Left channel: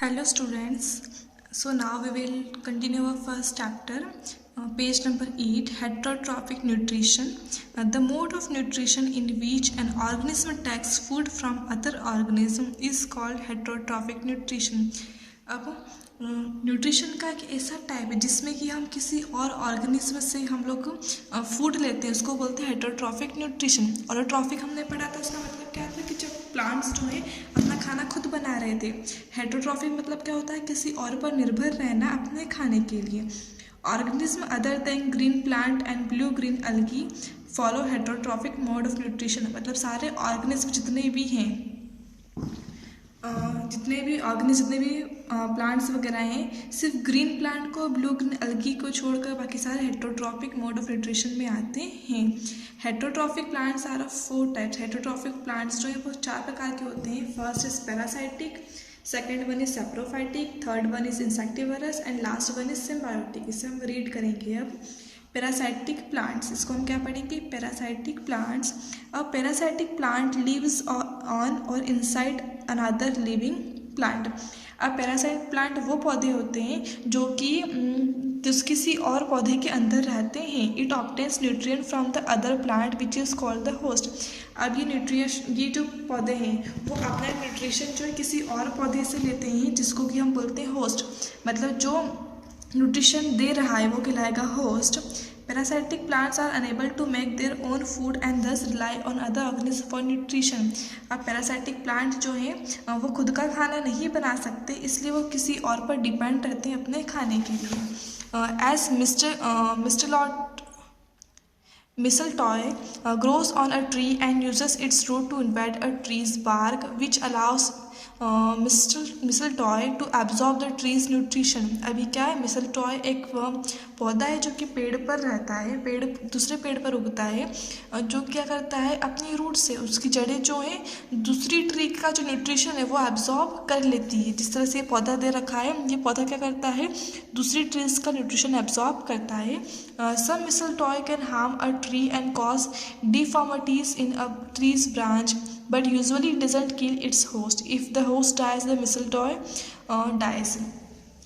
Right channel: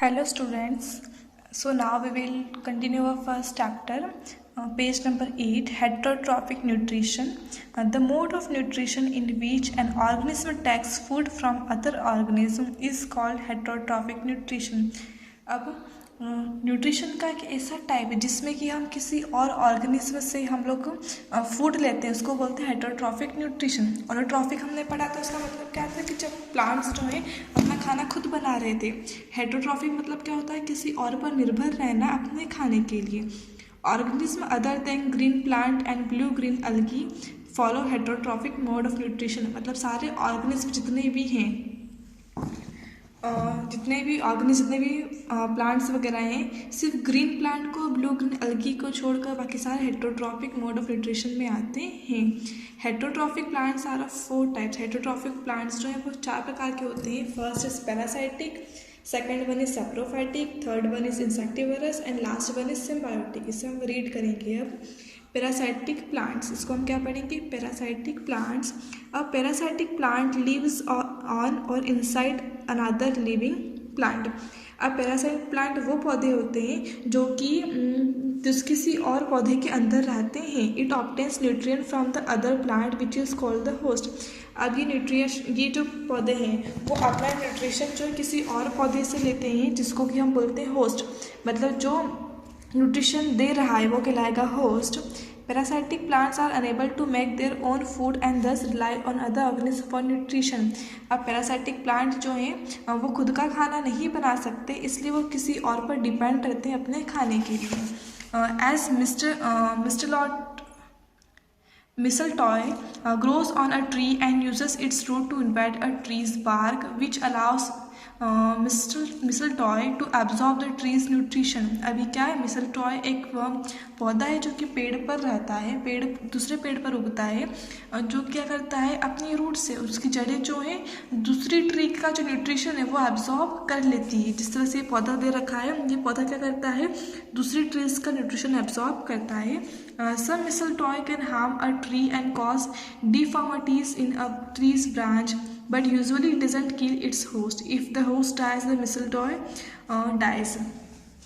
Hello students, so now we will continue our first chapter, page number 8, heterotrophic nutrition. The mode of nutrition in which an organism takes food from other organism is called heterotrophic nutrition. अब nutrition का एक ऐसा type है जिसमें कि हम किसी और ऑर्गेनिज्म से हम लोग फूड लेते हैं, उसको बोलते हैं हेटरोट्रॉफिक न्यूट्रिशन। ऑटोट्रॉफिक हमने पढ़ा था, उसका मतलब क्या था कि जब प्लांट्स जो है अपना खाना खुद बना रहे थे। हेटरोट्रॉफिक मतलब क्या होता है, किसी और पर निर्भर रहना अपने खाने के लिए। Organism other than green plant and blue green अलगी follow heterotrophic mode of nutrition. मतलब सारे ऑर्गेनिज्म जितने भी हैं, जितने भी प्लांट्स वगैरह हैं, सिर्फ ग्रीन प्लांट को, ब्लू ग्रीन अलगी को छोड़कर बाकी सारे हेटरोट्रॉफिक मोड ऑफ न्यूट्रिशन में आते हैं। Heterotrophic plants are of 4 types. Heterotrophic plants जो हैं वो 4 प्रकार के होते हैं। First is parasitic, second one is saprophytic, third one is insectivorous and last one is symbiotic. इसे हम रीड करेंगे। अब पैरासाइटिक प्लांट्स, इसको हम क्या पढ़ेंगे, parasitic plants. A parasitic plant lives on or inside another living plant. अब parasite plant वो पौधे होते हैं जो कि किसी और पौधे के अंदर रहते हैं। It obtains nutrient from the other plant which is called the host. अब ये जो पौधे हैं वो अपना न्यूट्रिशन जो किसी और पौधे से लेते हैं जिसको कि हम बोलते हैं होस्ट। मतलब जो न्यूट्रिशन दे रहा है वो कहलाएगा host. Parasitic plants are unable to make their own food and thus rely on other organism for nutrition. अब पैरासाइटिक प्लांट जो हैं वो खुद का खाना नहीं बना सकते, इसलिए वो किसी और पर डिपेंड रहते हैं अपने खाने के लिए। As mistletoe grows on a tree and uses its root to embed a tree's bark, which allows mistletoe to absorb the tree's nutrition। अभी क्या है, mistletoe एक पौधा है जो कि पेड़ पर रहता है, पेड़ दूसरे पेड़ पर उगता है, जो क्या करता है अपनी रूट से उसकी जड़ें जो है दूसरी ट्री का जो न्यूट्रिशन है वो एब्जॉर्ब कर लेती है। जिस तरह से ये पौधा दे रखा है, ये पौधा क्या करता है, दूसरी ट्रीज का न्यूट्रिशन एब्जॉर्ब करता है। Some mistletoe can harm a tree and cause deformities in a tree's branch, but usually it doesn't kill its host. If the host dies, the mistletoe dies.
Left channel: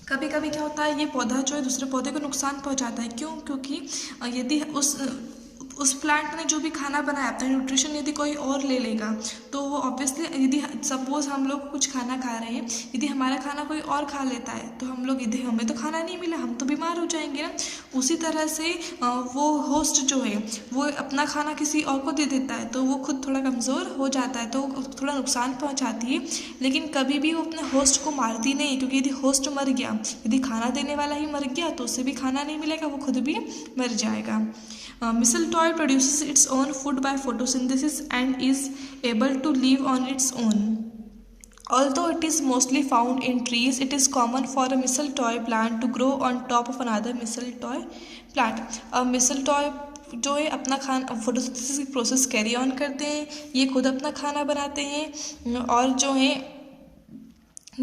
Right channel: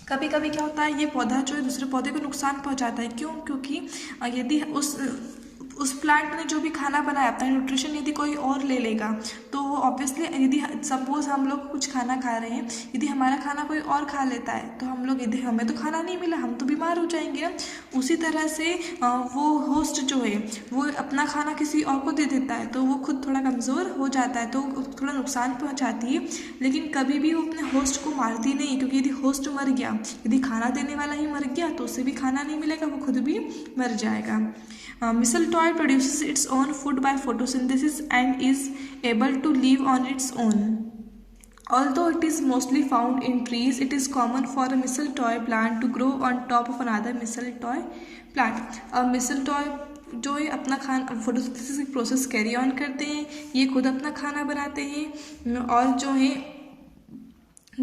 कभी कभी क्या होता है, ये पौधा जो है दूसरे पौधे को नुकसान पहुंचाता है। क्यों? क्योंकि यदि उस प्लांट ने जो भी खाना बनाया अपना न्यूट्रिशन यदि कोई और ले लेगा तो वो ऑब्वियसली, यदि सपोज हम लोग कुछ खाना खा रहे हैं, यदि हमारा खाना कोई और खा लेता है तो हम लोग, यदि हमें तो खाना नहीं मिला, हम तो बीमार हो जाएंगे ना। उसी तरह से वो होस्ट जो है वो अपना खाना किसी और को दे देता है तो वो खुद थोड़ा कमज़ोर हो जाता है, तो थोड़ा नुकसान पहुँचाती है। लेकिन कभी भी वो अपने होस्ट को मारती नहीं, क्योंकि यदि होस्ट मर गया, यदि खाना देने वाला ही मर गया तो उसे भी खाना नहीं मिलेगा, वो खुद भी मर जाएगा। Mistletoe produces its own food by photosynthesis and is able to live on its own. Although it is mostly found in trees, it is common for a mistletoe plant to grow on top of another mistletoe plant. Mistletoe जो है अपना खाना photosynthesis की process carry on करते हैं, ये खुद अपना खाना बनाते हैं और जो है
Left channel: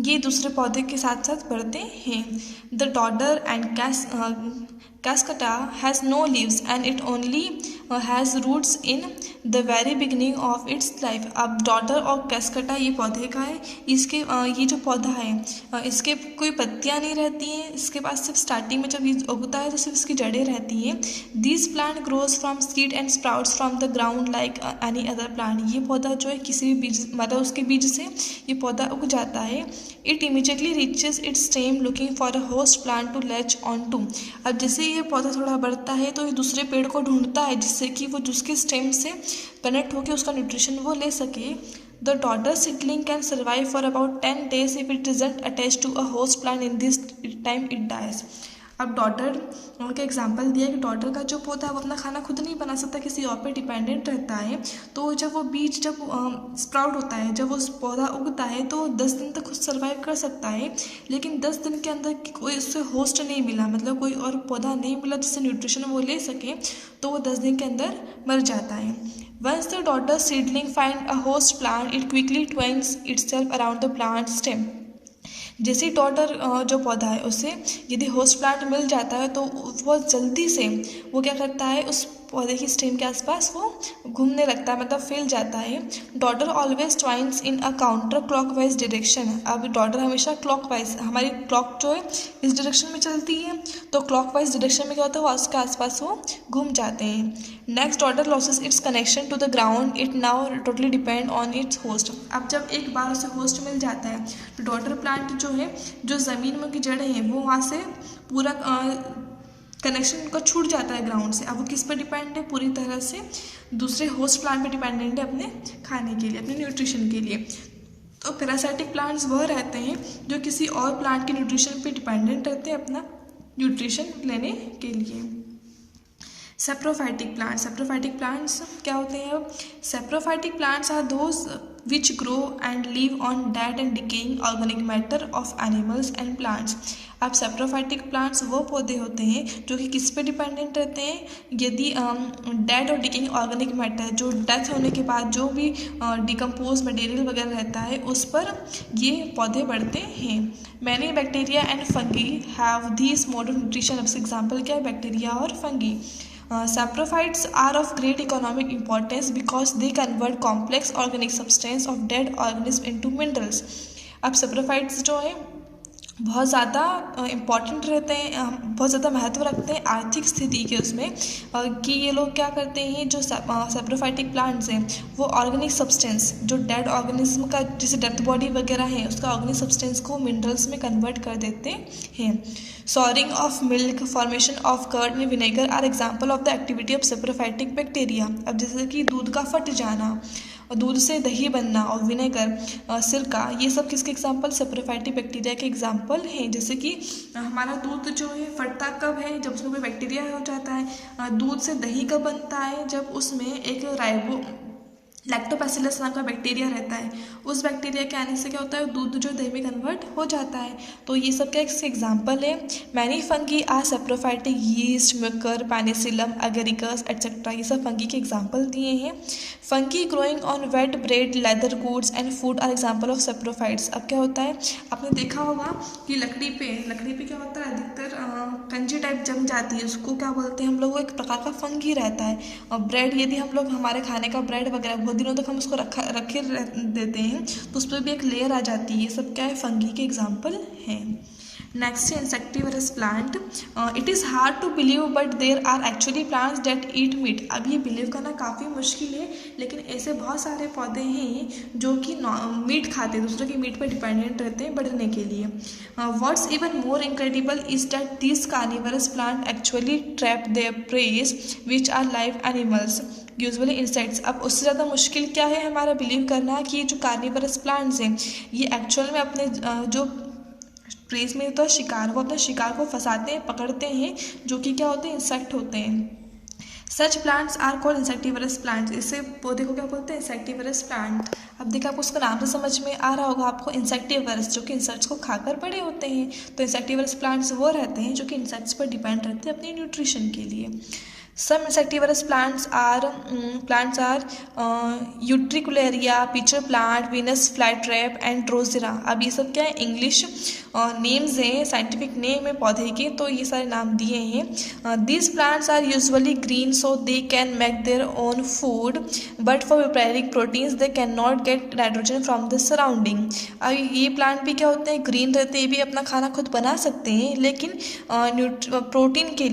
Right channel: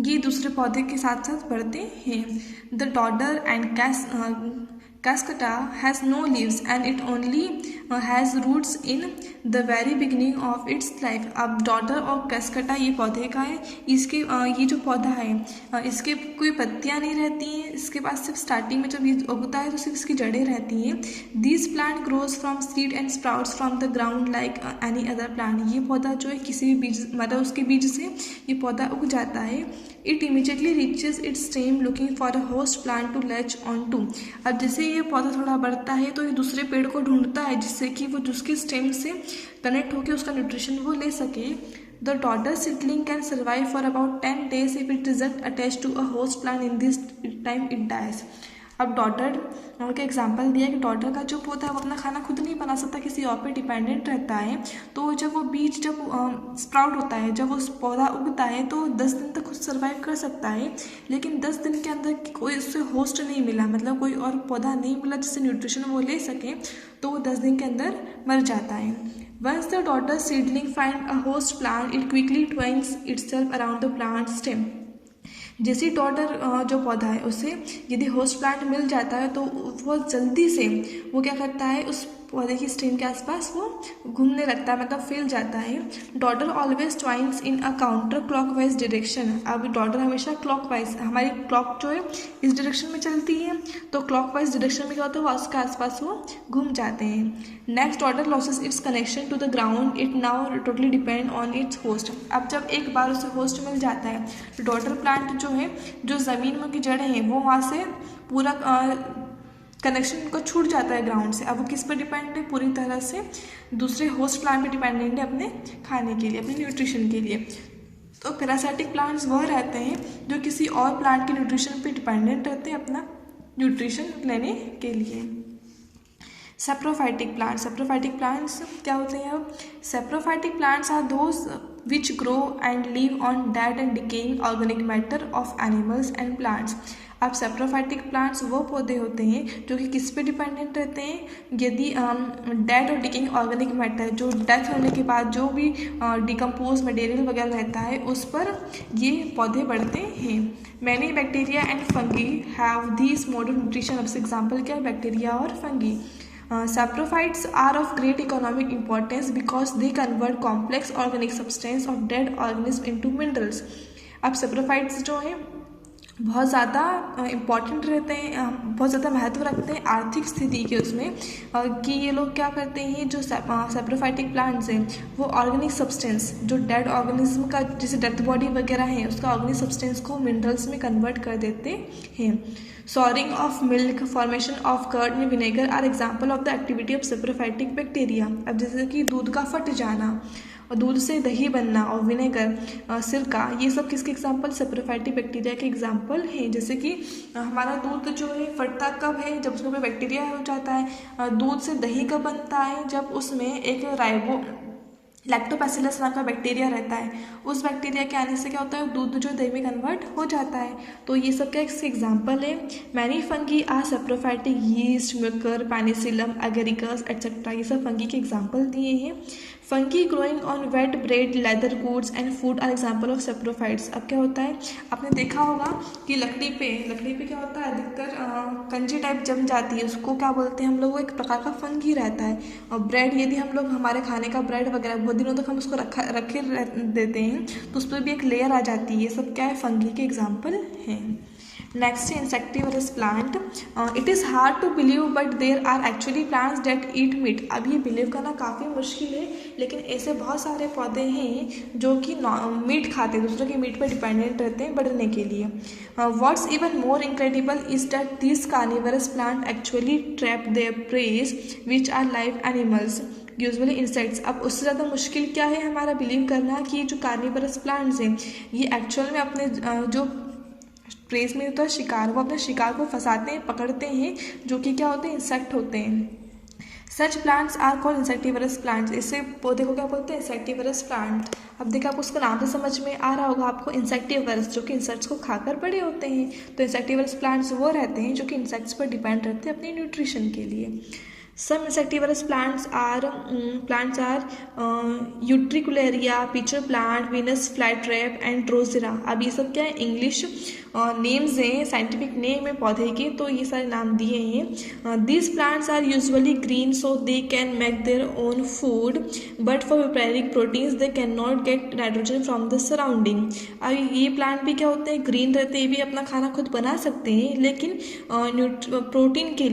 ये दूसरे पौधे के साथ साथ बढ़ते हैं। The डॉडर and Cascata has no leaves and it only has roots in the very beginning of its life। अब डॉडर और कैस्कटा ये पौधे का है, इसके ये जो पौधा है इसके कोई पत्तियाँ नहीं रहती हैं, इसके पास सिर्फ स्टार्टिंग में जब ये उगता है तो सिर्फ इसकी जड़ें रहती हैं। This plant grows from seed and sprouts from the ground like any other plant. ये पौधा जो है किसी भी बीज, मतलब उसके बीज से ये पौधा उग जाता है। It immediately reaches its stem looking for a host plant to latch on to. अब जैसे ये पौधा थोड़ा बढ़ता है तो ये दूसरे पेड़ को ढूंढता है जिससे कि वो जिसके स्टेम से कनेक्ट होकर उसका न्यूट्रिशन वो ले सके। The dodder seedling can survive for about 10 days if it isn't attach to a host plant in this time it dies. अब डॉडर के एग्जांपल दिया कि डॉडर का जो पौधा है वो अपना खाना खुद नहीं बना सकता, किसी और पे डिपेंडेंट रहता है। तो जब वो बीज जब स्प्राउट होता है, जब वो पौधा उगता है तो 10 दिन तक खुद सर्वाइव कर सकता है, लेकिन 10 दिन के अंदर कोई उससे होस्ट नहीं मिला, मतलब कोई और पौधा नहीं मिला जिससे न्यूट्रिशन वो ले सके, तो वो 10 दिन के अंदर मर जाता है। Once the dodder seedling find a host plant it quickly twines itself around the plant stem. जैसे डॉटर जो पौधा है उससे यदि होस्ट प्लांट मिल जाता है तो वो जल्दी से वो क्या करता है, उस पौधे की स्टेम के आसपास वो घूमने लगता है, मतलब फैल जाता है। डॉटर ऑलवेज ट्वाइंस इन अ काउंटर क्लॉकवाइज डायरेक्शन है। अब डॉटर हमेशा क्लॉकवाइज, हमारी क्लॉक जो है इस डायरेक्शन में चलती है, तो क्लॉकवाइज डायरेक्शन में क्या होता है, वो उसके आसपास वो घूम जाते हैं। Next dodder loses its connection to the ground, it now totally depend on its host. अब जब एक बार उसे होस्ट मिल जाता है तो डॉटर प्लांट जो है, जो ज़मीन में की जड़ें हैं, वो वहाँ से पूरा कनेक्शन को छूट जाता है ग्राउंड से। अब वो किस पर डिपेंड है, पूरी तरह से दूसरे होस्ट प्लांट पर डिपेंडेंट है अपने खाने के लिए, अपने न्यूट्रिशन के लिए। तो पैरासाइटिक प्लांट्स वह रहते हैं जो किसी और प्लांट के न्यूट्रिशन पे डिपेंडेंट रहते हैं अपना न्यूट्रिशन लेने के लिए। सेप्रोफाइटिक प्लांट्स क्या होते हैं? Saprophytic plants are those which grow and live on dead and decaying organic matter of animals and plants. अब सेप्रोफाइटिक प्लांट्स वो पौधे होते हैं जो कि किस पे डिपेंडेंट रहते हैं? यदि डेड और डिकेइंग ऑर्गेनिक मैटर, जो डेथ होने के बाद जो भी डिकम्पोज मटेरियल वगैरह रहता है, उस पर ये पौधे बढ़ते हैं। Many bacteria and fungi have these mode of nutrition. अब से एग्जाम्पल क्या है? बैक्टीरिया और fungi. Saprophytes are of great economic importance because they convert complex organic substance of dead organisms into minerals. अब सेप्रोफाइट्स जो है बहुत ज़्यादा इम्पॉर्टेंट रहते हैं, बहुत ज़्यादा महत्व रखते हैं आर्थिक स्थिति के उसमें, कि ये लोग क्या करते हैं, जो सेप्रोफाइटिक प्लांट्स हैं वो ऑर्गेनिक सब्सटेंस, जो डेड ऑर्गेनिज्म का जैसे डेथ बॉडी वगैरह है, उसका ऑर्गेनिक सब्सटेंस को मिनरल्स में कन्वर्ट कर देते हैं। Souring of milk, formation of curd में vinegar are example of the activity of saprophytic bacteria. अब जैसे कि दूध का फट जाना और दूध से दही बनना और विनेगर, सिरका, ये सब किसके एग्जाम्पल? सेप्रोफाइटिक बैक्टीरिया के एग्जाम्पल हैं। जैसे कि हमारा दूध जो है फटता कब है? जब उसमें कोई बैक्टीरिया हो जाता है। दूध से दही कब बनता है? जब उसमें एक लैक्टोबैसिलस नाम का बैक्टीरिया रहता है। उस बैक्टीरिया के आने से क्या होता है? दूध जो दही में कन्वर्ट हो जाता है। तो ये सब का इसके एग्जाम्पल है। Many fungi are saprophytic, yeast, mucor, penicillium, agaricus etcetera, ये सब फंगी के एग्जाम्पल दिए हैं। Fungi growing on wet bread, leather goods and food are example of saprophytes. अब क्या होता है, आपने देखा होगा कि लकड़ी पे क्या होता है, अधिकतर कंजी टाइप जम जाती है, उसको क्या बोलते हैं हम लोग? वो एक प्रकार का फंगी रहता है। और ब्रेड, यदि हम लोग हमारे खाने का ब्रेड वगैरह बहुत दिनों तक हम उसको रखे देते हैं तो उस पर भी एक लेयर आ जाती है। ये सब क्या है? फंगी के एग्जाम्पल हैं। नेक्स्ट है insectivorous plant. It is hard to believe but there are actually plants that eat meat. अब ये बिलीव करना काफ़ी मुश्किल है, लेकिन ऐसे बहुत सारे पौधे हैं जो कि मीट खाते हैं, दूसरे के मीट पर डिपेंडेंट रहते हैं बढ़ने के लिए। What's even more incredible is that this carnivorous plant actually trap their preys which are live animals, usually insects. अब उससे ज़्यादा मुश्किल क्या है हमारा बिलीव करना कि जो कार्निवरस प्लांट्स हैं ये एक्चुअल में अपने जो प्रेस में होता है शिकार, वो अपने शिकार को फंसाते हैं, पकड़ते हैं, जो कि क्या होते हैं? इंसेक्ट होते हैं। Such plants are called insectivorous plants. इससे पौधे को क्या बोलते हैं? Insectivorous plant. अब देखा आपको उसका नाम से समझ में आ रहा होगा आपको, इंसेक्टिवरस, जो कि इंसेक्ट्स को खाकर बड़े होते हैं। तो इंसेक्टिवरस प्लांट्स वो रहते हैं जो कि इंसेक्ट्स पर डिपेंड रहते हैं अपने न्यूट्रिशन के लिए। Some insectivorous plants are Utricularia, pitcher plant, Venus flytrap and Drosera। अब ये सब क्या है? इंग्लिश नेम्स हैं, साइंटिफिक नेम है पौधे के, तो ये सारे नाम दिए हैं। These plants are usually green so they can make their own food, but for preparing proteins they cannot get nitrogen from the surrounding। अब ये प्लांट भी क्या होते हैं? ग्रीन रहते हैं, ये भी अपना खाना खुद बना सकते हैं, लेकिन प्रोटीन के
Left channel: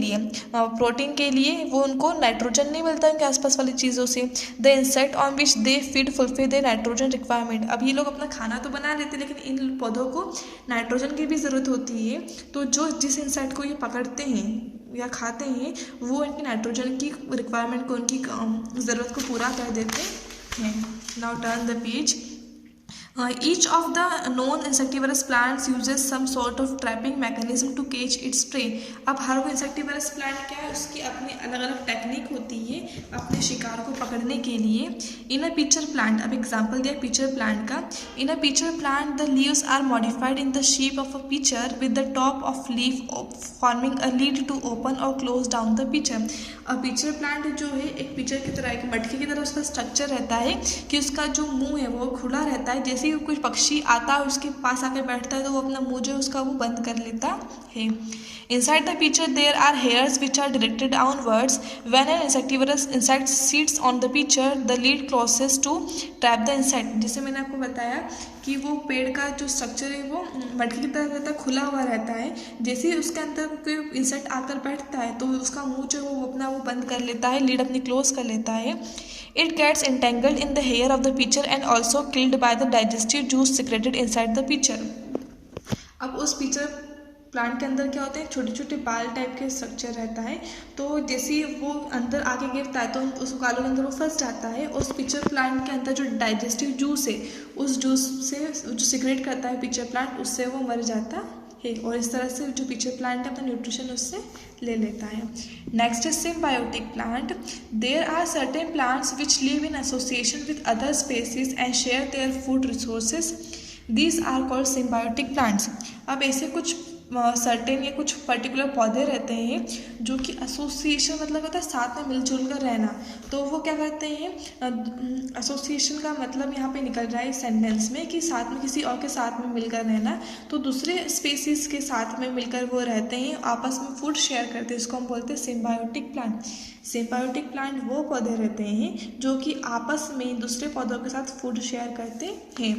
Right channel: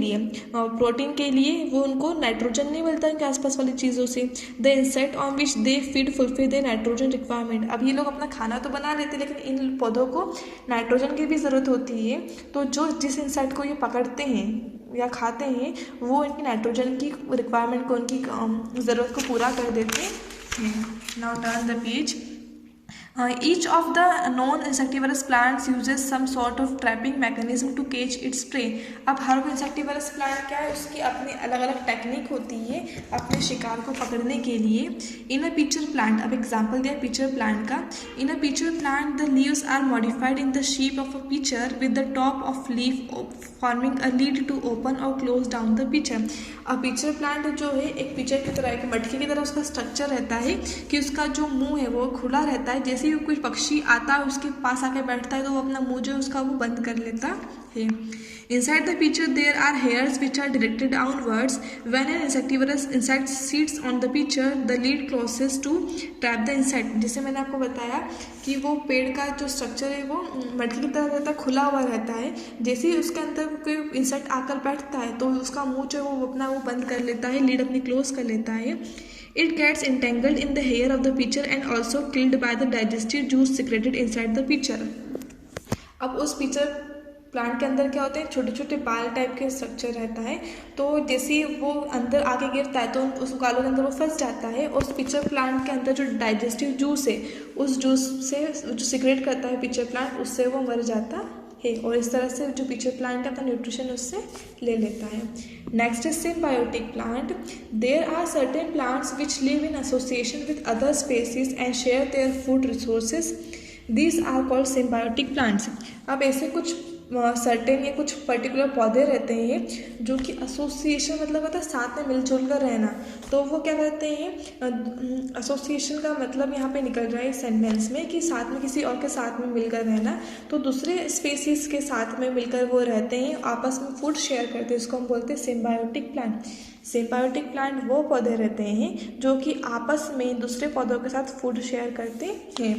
लिए वो उनको नाइट्रोजन नहीं मिलता उनके आसपास वाली चीज़ों से। The insect on which they feed fulfil there nitrogen requirement. अब ये लोग अपना खाना तो बना लेते हैं, लेकिन इन पौधों को नाइट्रोजन की भी ज़रूरत होती है। तो जिस इंसेक्ट को ये पकड़ते हैं या खाते हैं, वो इनकी नाइट्रोजन की रिक्वायरमेंट को, उनकी ज़रूरत को पूरा कर देते हैं। Now turn the page. Each of the known insectivorous plants uses some sort of trapping mechanism to catch its prey। अब हर कोई insectivorous plant क्या है? उसकी अपनी अलग अलग टेक्निक होती है अपने शिकार को पकड़ने के लिए। इन अ pitcher plant, अब एग्जाम्पल दिया pitcher plant का। इन अ pitcher plant the leaves are modified in the shape of a pitcher with the top of leaf forming a lid to open or close down the pitcher। अब pitcher plant जो है एक pitcher की तरह, एक मटकी की तरह उसका स्ट्रक्चर रहता है कि उसका जो मुंह है वो खुला रहता है। जैसे जैसे ही कुछ पक्षी आता है उसके पास आके बैठता है तो वो अपना मुंह जो है उसका वो बंद कर लेता है। Inside the pitcher there are hairs which are directed downwards. When an insectivorous insect sits on the pitcher, the lid closes to trap the insect. जैसे मैंने आपको बताया कि वो पेड़ का जो स्ट्रक्चर है वो मटकी की तरह रहता है, खुला हुआ रहता है। जैसे ही उसके अंदर कोई इंसेक्ट आकर बैठता है तो उसका मुंह जो है वो अपना वो बंद कर लेता है, लीड अपनी क्लोज कर लेता है। It gets entangled in the hair of the pitcher and also killed by the digestive juice secreted inside the pitcher. अब उस पिचर प्लांट के अंदर क्या होते हैं, छोटे छोटे बाल टाइप के स्ट्रक्चर रहता है। तो जैसे ही वो अंदर आके गिरता है तो उस बालों के अंदर वो फंस जाता है। उस पिचर प्लांट के अंदर जो डाइजेस्टिव जूस है उस जूस से जो सिक्रेट करता है पिचर प्लांट, उससे वो मर जाता है और इस तरह से जो पिचर प्लांट है अपना न्यूट्रिशन उससे ले लेता है। Next is symbiotic plant. There are certain plants which live in association with other species and share their food resources. These are called symbiotic plants. अब ऐसे कुछ सर्टेन या कुछ पर्टिकुलर पौधे रहते हैं जो कि एसोसिएशन मतलब होता है साथ में मिलजुल कर रहना। तो वो क्या करते हैं, एसोसिएशन का मतलब यहाँ पे निकल रहा है सेंटेंस में कि साथ में किसी और के साथ में मिलकर रहना। तो दूसरे स्पेसीज के साथ में मिलकर वो रहते हैं, आपस में फूड शेयर करते हैं, इसको हम बोलते हैं सिम्बायोटिक प्लांट। सिम्बायोटिक प्लांट वो पौधे रहते हैं जो कि आपस में दूसरे पौधों के साथ फूड शेयर करते हैं।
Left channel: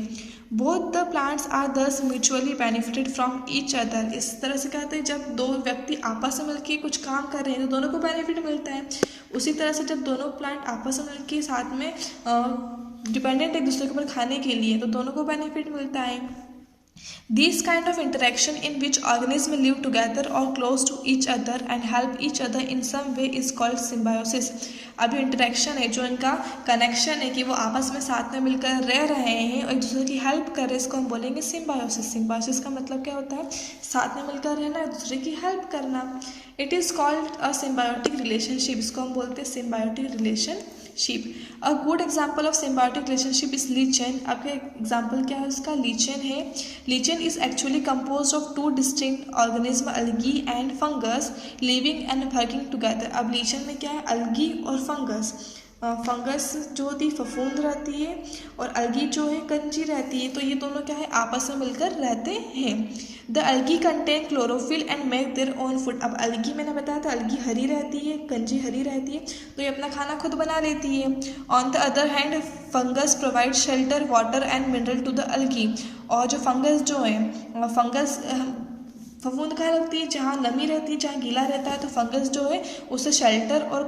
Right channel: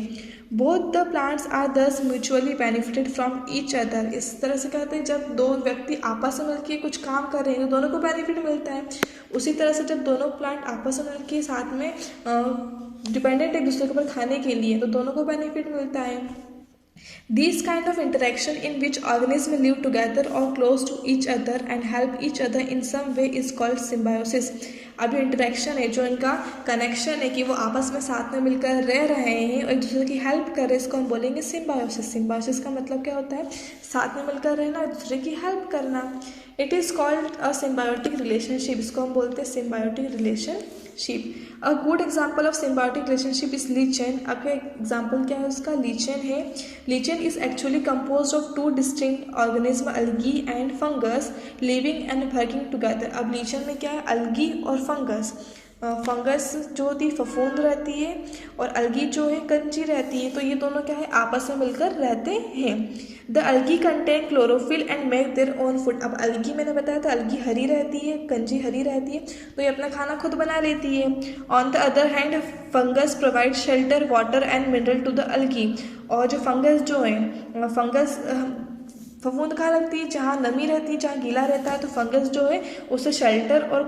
बोथ द प्लांट्स आर दस mutually benefited from each other. इस तरह से कहते हैं जब दो व्यक्ति आपस में मिलकर कुछ काम कर रहे हैं तो दोनों को बेनिफिट मिलता है। उसी तरह से जब दोनों प्लांट आपस में मिलकर साथ में डिपेंडेंट एक दूसरे के ऊपर खाने के लिए तो दोनों को बेनिफिट मिलता है। These kind of interaction in which organisms live together or close to each other and help each other in some way is called symbiosis. अब ये इंटरेक्शन है, जो इनका कनेक्शन है कि वो आपस में साथ में मिलकर रह रहे हैं और एक दूसरे की हेल्प कर रहे हैं, इसको हम बोलेंगे सिम्बायोसिस। सिम्बायोसिस का मतलब क्या होता है, साथ में मिलकर रहना, एक दूसरे की हेल्प करना। It is called a symbiotic relationship, इसको हम बोलते हैं symbiotic relationship. A good example of symbiotic relationship is lichen. आपका एग्जाम्पल क्या है उसका, लीचेन है। Lichen is actually compose of two distinct organism, algae and fungus, living and working together. अब लीचेन में क्या है, अलगी और फंगस। फंगस जो होती है फफूंद रहती है और अलगी जो है कंची रहती है। तो ये दोनों क्या है, आपस में मिलकर रहते हैं। The algae contain chlorophyll and make their own food. अब अलगी मैंने बताया था, अलगी हरी रहती है, कंची हरी रहती है, तो ये अपना खाना खुद बना लेती है। On the other hand fungus provide shelter, water and mineral to the algae. और जो फंगस जो है, फंगस फफूंद कहाँ लगती है, जहाँ नमी रहती है, जहाँ गीला रहता है, तो फंगस जो है उसे शेल्टर और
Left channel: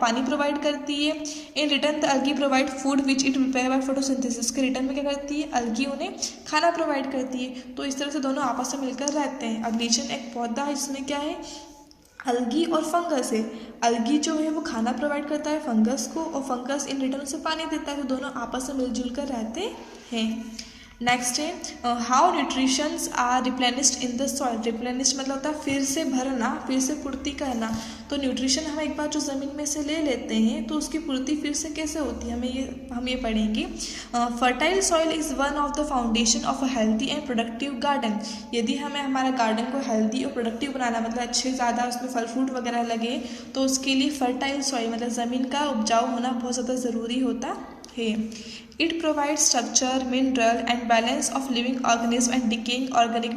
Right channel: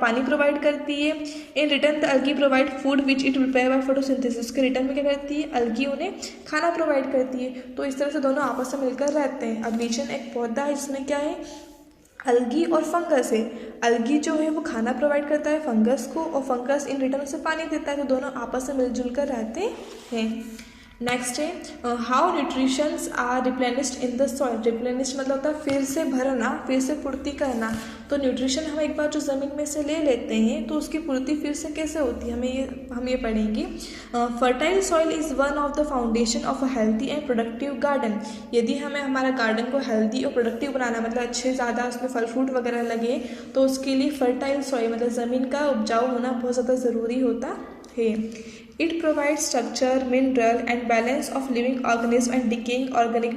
पानी प्रोवाइड करती है। In return the algae provide food which it prepare by photosynthesis. के रिटर्न में क्या करती है, अलगी उन्हें खाना प्रोवाइड करती है। तो इस तरह से दोनों आपस में मिलकर रहते हैं। अब लीचेन एक पौधा है जिसमें क्या है, अलगी और फंगस है। अलगी जो है वो खाना प्रोवाइड करता है फंगस को और फंगस इन रिटर्न उसे पानी देता है, तो दोनों आपस में मिलजुल कर रहते हैं। नेक्स्ट है how nutritions are replenished in the soil. Replenish मतलब होता है फिर से भरना, फिर से पूर्ति करना। तो न्यूट्रिशन हम एक बार जो ज़मीन में से ले लेते हैं तो उसकी पूर्ति फिर से कैसे होती है, हम ये पढ़ेंगे। Fertile soil is one of the foundation of a healthy and productive garden. यदि हमें हमारा गार्डन को हेल्दी और प्रोडक्टिव बनाना, मतलब अच्छे ज़्यादा उसमें फल फ्रूट वगैरह लगे, तो उसके लिए फर्टाइल सॉइल मतलब ज़मीन का उपजाऊ होना बहुत ज़्यादा ज़रूरी होता है। It provides structure, mineral and balance of living organism and decaying organic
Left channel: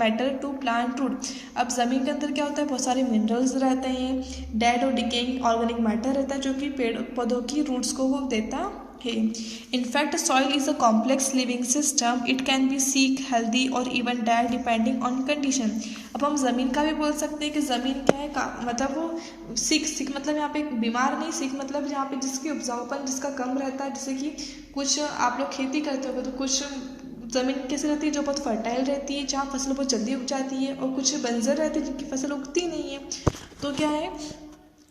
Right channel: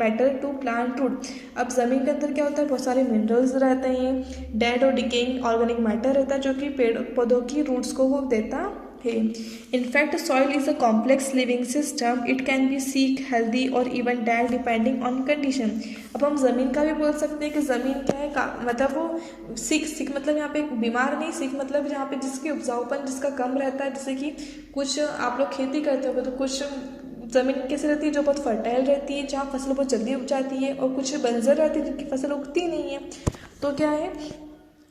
matter to plant root। अब ज़मीन के अंदर क्या होता है, बहुत सारे मिनरल्स रहते हैं, डेड और डिकेइंग ऑर्गेनिक मैटर रहता है जो कि पेड़ पौधों की रूट्स को वो देता है। In fact soil is a complex living system, it can be sick, healthy और even dead depending on condition. अब हम ज़मीन का भी बोल सकते हैं कि ज़मीन क्या है, मतलब वो सिक मतलब यहाँ पे बीमार नहीं, सिक मतलब जहाँ पे जिसकी उपजाऊपन जिसका कम रहता है। जैसे कि कुछ आप लोग खेती करते हो तो कुछ ज़मीन कैसे रहती है जो बहुत फर्टाइल रहती है, जहाँ फसल बहुत जल्दी उग जाती है, और कुछ बंजर रहती है जिनकी फसल उगती नहीं है। तो क्या है,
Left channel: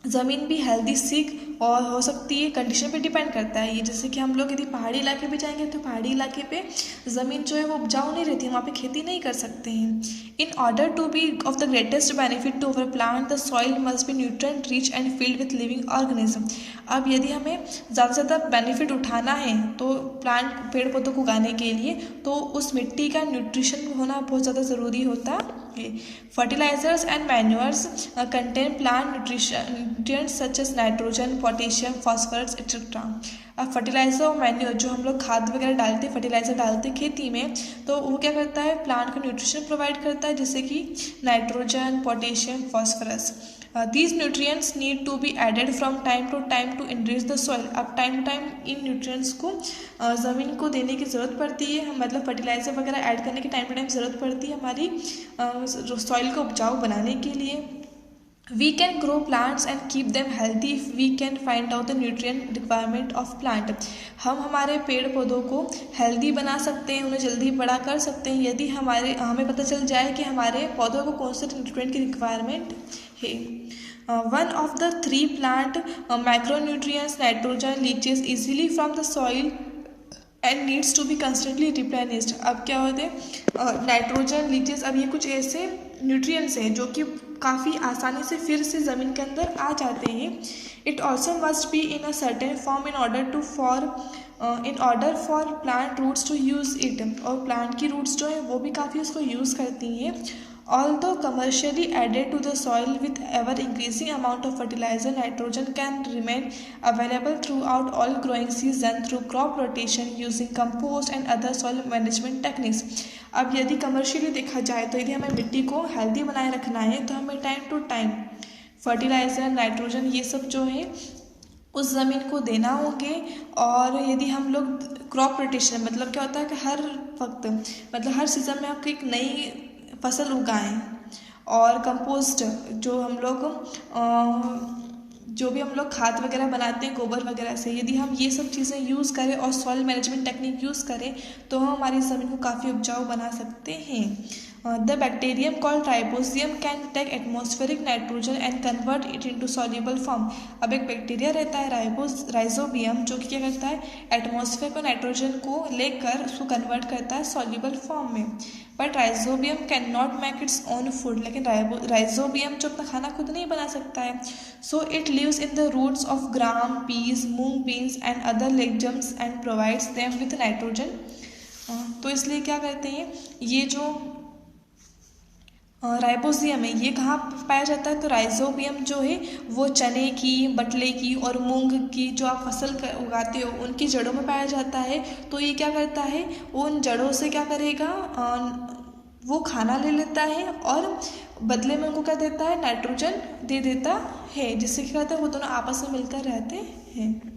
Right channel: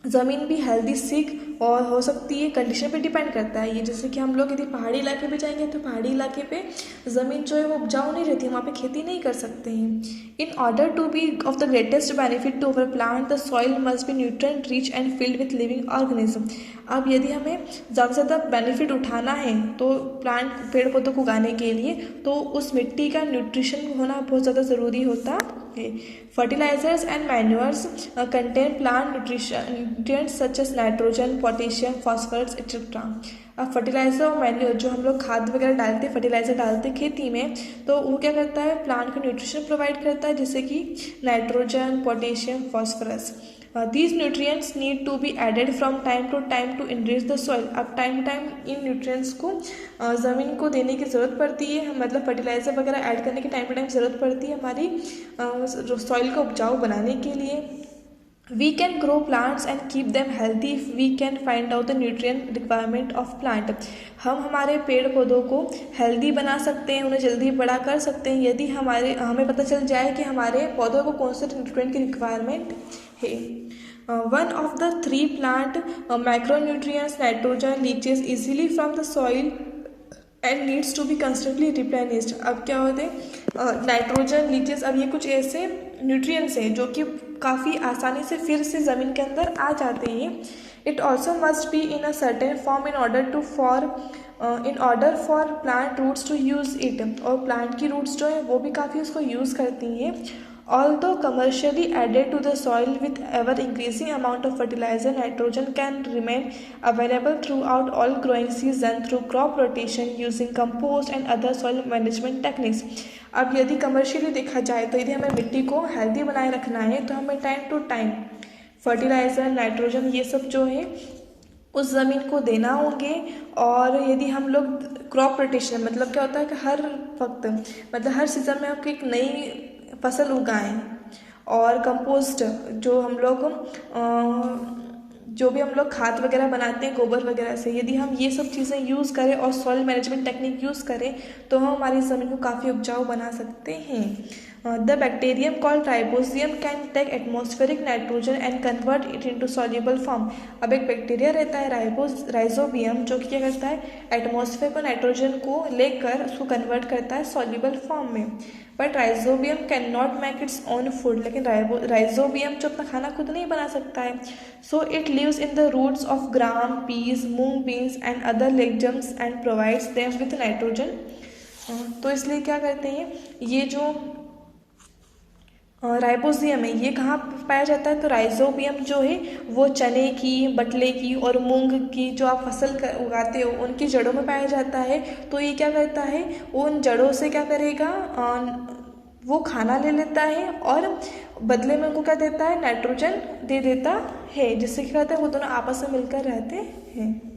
ज़मीन भी हेल्दी सिक और हो सकती है, कंडीशन पे डिपेंड करता है ये। जैसे कि हम लोग यदि पहाड़ी इलाके पे जाएंगे तो पहाड़ी इलाके पे ज़मीन जो है वो उपजाऊ नहीं रहती, वहाँ पे खेती नहीं कर सकते हैं। In order to be of the greatest benefit to our plant the soil must be nutrient rich and filled with living organism. अब यदि हमें ज़्यादा से ज़्यादा बेनिफिट उठाना है तो प्लांट पेड़ पौधों को उगाने के लिए, तो उस मिट्टी का न्यूट्रिशन होना बहुत ज़्यादा ज़रूरी होता है। Fertilizers and manures contain plant nutrients such as nitrogen, potassium, phosphorus etcetera. अब फर्टिलाइजर और मैन्योर जो हम लोग खाद वगैरह डालते हैं, फर्टिलाइजर डालते हैं खेती में, तो वो क्या करता है, प्लांट को न्यूट्रिशन प्रोवाइड करता है, जैसे कि nitrogen, potassium, phosphorus. These nutrients need to be added from time to time to enrich the soil. अब टाइम टू टाइम इन न्यूट्रिएंट्स को ज़मीन को देने की ज़रूरत पड़ती है, मतलब फर्टिलाइजर वगैरह ऐड करने की टाइम टू टाइम ज़रूरत पड़ती है हमारी सॉइल को उपजाऊ बनाने के लिए। We can grow plants and keep them healthy if we can find out the nutrient requirement of plant. हम हमारे पेड़ पौधों को हेल्दी बना सकते हैं, उन्हें जल्दी बड़ा कर सकते हैं यदि हमें पता चल जाए कि हमारे पौधों को कौन से न्यूट्रिएंट की रिक्वायरमेंट है। One of the 3 plant macronutrients nitrogen leaches easily from the soil and needs to be constantly replenished. अब क्या होते हैं, नाइट्रोजन लीचेस, अब ये कुछ ऐसे न्यूट्रिएंट्स हैं जो कि काफ़ी आसानी से फिर से ज़मीन के अंदर आ जाते हैं। It also must be in a certain form in order for plant roots to use it. और प्लांट की रूट्स जो है वो भी काफ़ी उसको यूज़ करती हैं। Although commercially added to the soil with ever increasing amount of fertilizer, nitrogen can remain available throughout all growing season through crop rotation using compost and other soil management techniques. अब यदि commercially देखा जाए तो यदि हमें मिट्टी को healthy बनाए रखना है तो हमें time to time fertiliser, nitrogen ये सब जो है उस ज़मीन को देना होंगे। और यदि हम लोग क्रॉप रोटेशन, मतलब क्या होता है कि हर वक्त, मतलब हर सीज़न में आपको एक नई फसल उगाएं। और कंपोस्ट जो भी हम लोग खाद वगैरह बनाते हैं गोबर वगैरह से, यदि हम ये सब चीज़ें यूज़ करें और सॉइल मैनेजमेंट टेक्निक यूज़ करें तो हम हमारी ज़मीन को काफ़ी उपजाऊ बना सकते हैं। The bacterium called rhizobium can take atmospheric nitrogen and convert it into soluble form. अब एक बैक्टीरिया रहता है राइजोबियम, जो कि क्या करता है, एटमॉस्फेयर को नाइट्रोजन को लेकर उसको कन्वर्ट करता है सॉल्युबल फॉर्म में। But rhizobium can not make its own food, लेकिन राइजोबियम जो अपना खाना खुद नहीं बना सकता है। So it lives in the roots of gram, peas, moong beans and other legumes and provides them with nitrogen. तो इसलिए क्या करते हैं, ये जो राइबोसियम है ये कहाँ पाया जाता है, तो राइजोबियम जो है वो चने की, बटले की और मूंग की जो आप फसल उगाते हो उनकी जड़ों में पाया जाता है। तो ये क्या करता है, उन जड़ों से क्या करेगा, वो खाना ले लेता है और बदले में उनको क्या देता है, नाइट्रोजन दे देता है, जिससे क्या होता है वो दोनों आपस में मिलकर रहते हैं।